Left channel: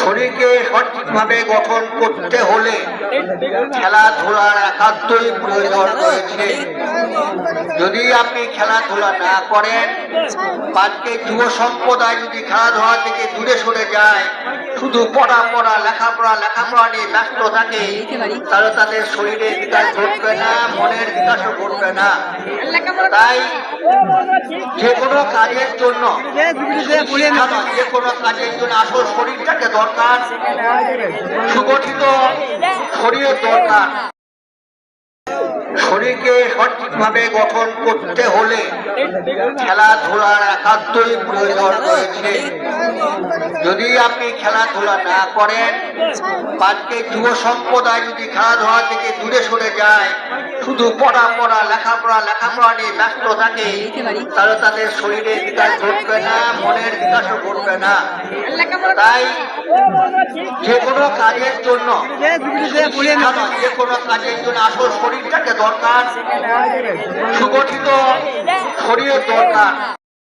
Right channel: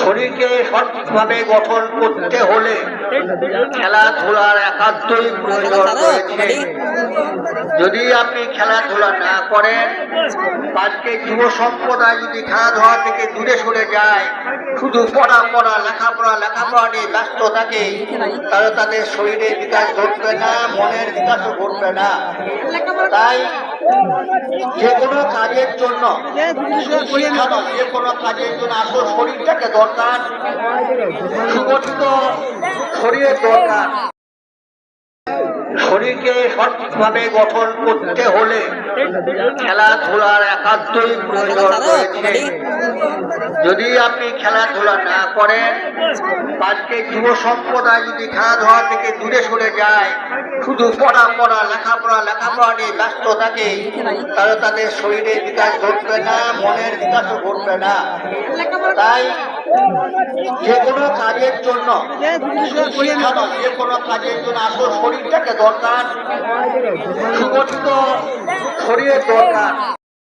শরীরকে সঠিকভাবে গঠন করতে হলে খেলাধুলার একান্তই প্রয়োজন রয়েছে। যদি আপনি খেলাধুলা না করেন, আজকে যুব সম্প্রদায় যদি খেলাধুলা থেকে দূরে সরে যায়, শুধু পড়া লেখাপড়া নিয়ে ব্যস্ত থাকে, তাহলে তাদের শরীরের বিকাশ ঘটবে না, মনের বিকাশও ঘটবে না। তাই যে কোনো কাজের জন্য আসল শরীরটাকে দরকার, সুগঠিত শরীরের দরকার। শরীরকে সঠিকভাবে গঠন করতে হলে খেলাধুলার একান্তই প্রয়োজন রয়েছে। যদি আপনি খেলাধুলা না করেন, আজকে যুব সম্প্রদায় যদি খেলাধুলা থেকে দূরে সরে যায়, শুধু পড়া লেখাপড়া নিয়ে ব্যস্ত থাকে, তাহলে তাদের শরীরের বিকাশ ঘটবে না, মনের বিকাশও ঘটবে না। তাই যে কোনো কাজের জন্য আসল শরীরটাকে দরকার, সুগঠিত শরীরের দরকার।